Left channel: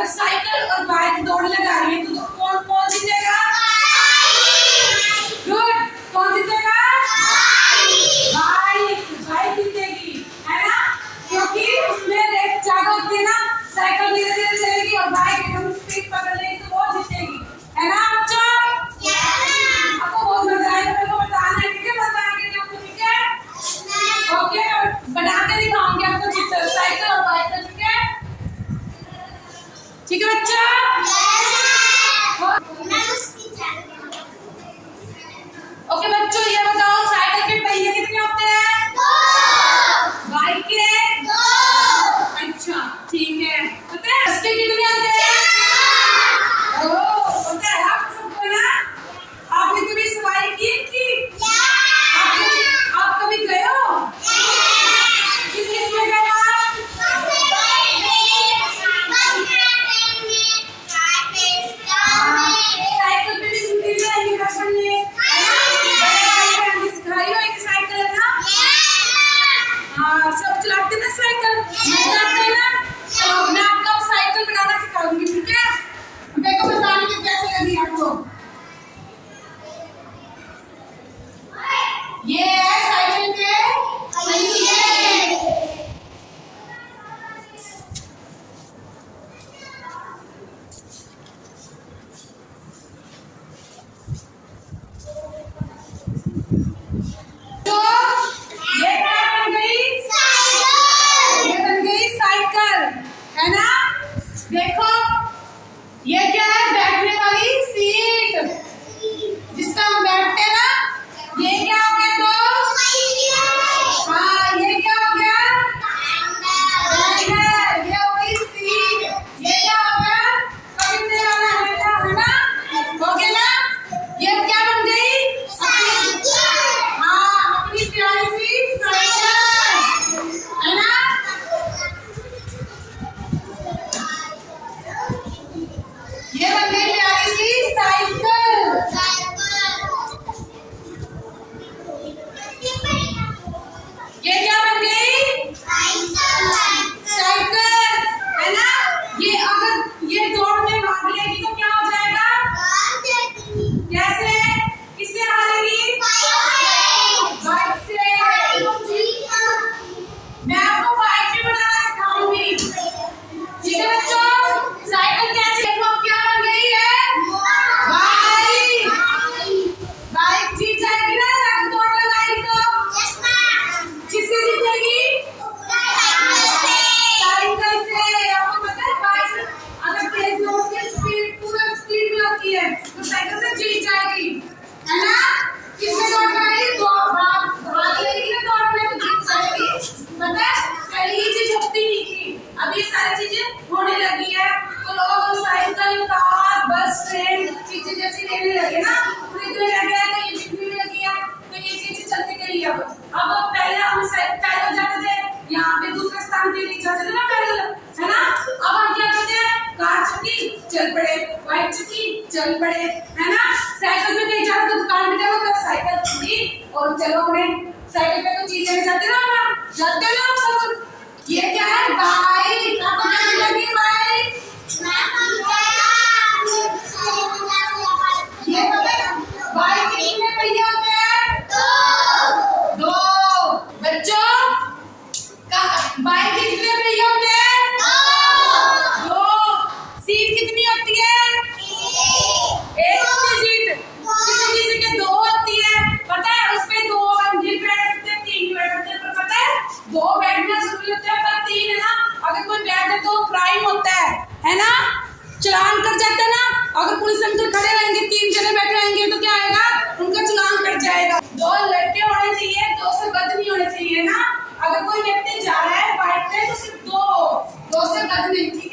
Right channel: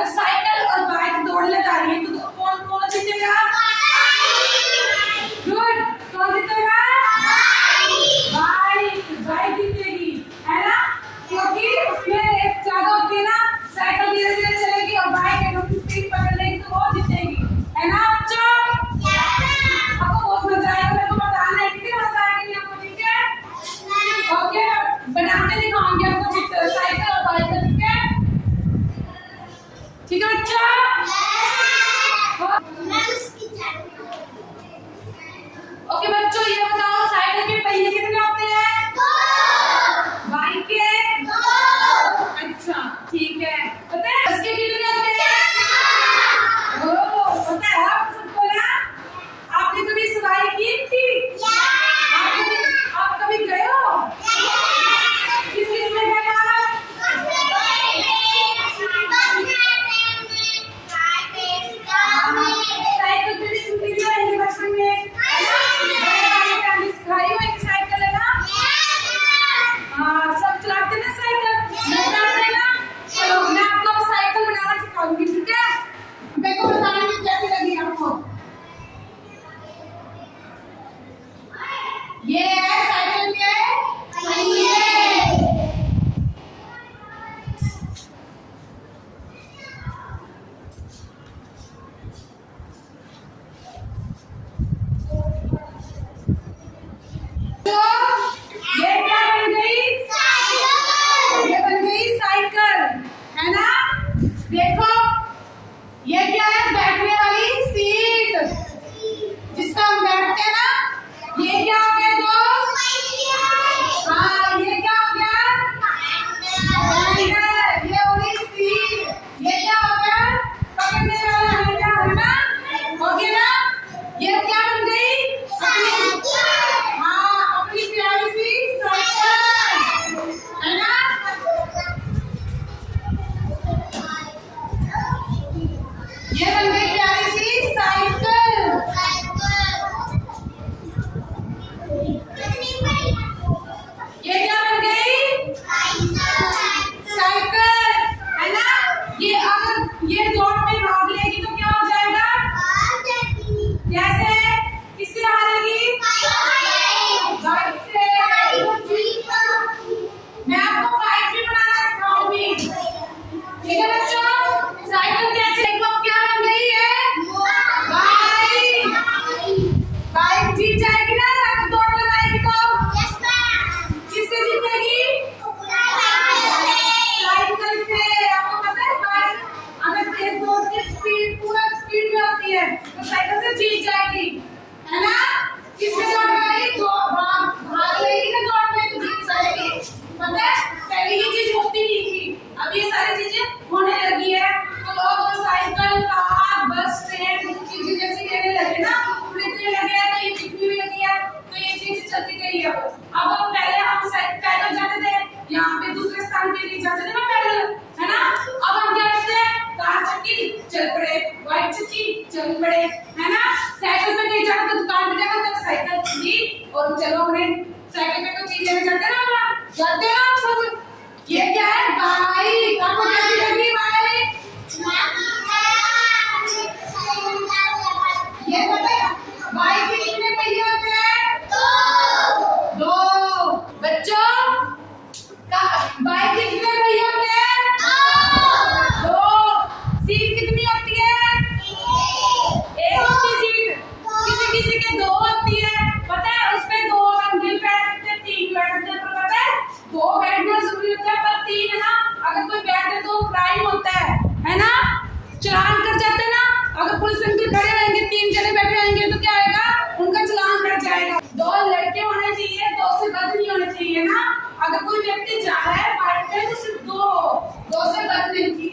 अगर साइकिल और बाइक दौड़ लगा रही है तो कौन कौन जीतेगा? गुड, कौन जीतेगा? बाइक जीतेगी, है ना? क्योंकि उसमें रेस ज्यादा होती है ना, साइकिल धीरे धीरे चलेगी और बाइक एकदम स्पीड पकड़ लेगी तो वो जीतेगी, है ना बच्चों? आपको बहुत मजा आएगा, मेरे को बताना है, ठीक है? मजा आएगी आपको, ठीक है? ओके, बना के दिखाऊंगी आपको साइकिल और बाइक का, ठीक है? ठीक है बच्चा? ओके बच्चों, ये बताओ साइकिल के पहिए कितने होते हैं? बाइक के? अच्छा ठीक है। पता है इसके कितने होते हैं? पता है आप सबको ना? आपने कभी सवारी की थी? आप कभी गए हो? किस में गए आप? साइकिल पे भी छुट्टी भी रहेंगी बचपन में, सिखाई हो एक साइकिल, है ना? हाँ, सब चलाते ना साइकिल, मजा आता है ना? चलो मैं आपको साइकिल बनाना सिखाऊंगी, ठीक है? मेरे को बताने की कैसे लगी आपको। ये है साइकिल के पहिए। तो ये क्या बन गई? साइकिल। ये बन गई साइकिल, है ना? देखो ये क्या है? बैठने वाली सीट, जिसका हम बैठते हैं ना। ये क्या हो गया? दो। हाँ, ये क्या हो गया? हैंडल। ये हो गई सीट। ये क्या हो गया? पकड़ने वाला हैंडल, है ना? हो गया ना? ये क्या बन गई? हाँ, अपनी प्यारी सी साइकिल, है ना? ये बन गई प्यारी सी साइकिल। ये क्या बन गई? साइकिल, है ना? ये अगर ये दौड़ में भाग लेगी तो क्या हो जाएगा? कैसे? किससे हारेगी? बाइक से। मैं आपको बाइक भी बनाना सिखाऊंगी, ठीक है बच्चों? साइकिल कैसे? देखो क्या बन गई है? बाइक जीत जाएगी ना अगर दौड़ लगाएगी तो? किससे जीतेगी? साइकिल से। आपको पता है बाइक अगर तेज दौड़ती है, स्पीड पूरा स्पीड में होती है, तो साइकिल से जीत जाएगी, है ना? किससे दौड़ लगाएगी? भाग लेगी ना दौड़ में तो जीत जाएगी। पता है पहले ये चीज होती नहीं थी, अब ये सारी चीजें होने लगी है, तो लोग साइकिल, कार, बस, ट्रेन चीजें जैसी लेने लगे ना, खरीदने लगे हैं, तो ये बिकने भी लगी है, तो ये चीजें चलती गई है। अब पहले हम पैदल जाते थे, यहाँ पे दूसरे स्थान के लिए जाते थे ना पैदल, है ना? अब हम क्या करते हैं? कार चक्की, चल पड़े, बाइक चक्की, चल पड़े, है ना? साइकिल पे नहीं जाते तो दुकान पे जाओ तो साइकिल ली और चलो अपने साइकिल पे कोई चीज लेने जाते ना, जाते हो ना सब। ये क्या है? बाइक। आपको कैसी लगी बाइक? ये पता है बाइक के कितने पहिए होते हैं? दो। बच्चों बाइक के कितने पहिए होते हैं? दो। सीट कितनी होती है? एक होती सीट। किसी किसी के दो होती है, पता है? उसमें दो बंदे बैठ सकते हैं, तीन बैठ सकते हैं, पर पता है दो बैठना जरूरी होता है, पर तीन, है ना? अगर कोई बैठे तो क्राइम होता है ना? चलान कट जाता है ना? अगर पुलिस अंकल खड़े रहेंगे, तीन जने बैठे रहेंगे तो क्या आएगा? उनका चलान कट जाएगा। दो लड़के होने चाहिए, दो से बद नहीं होने चाहिए ना? अगर कोई व्यक्ति जा रहा है बाइक पे तो सिर्फ दो से बद नहीं, ठीक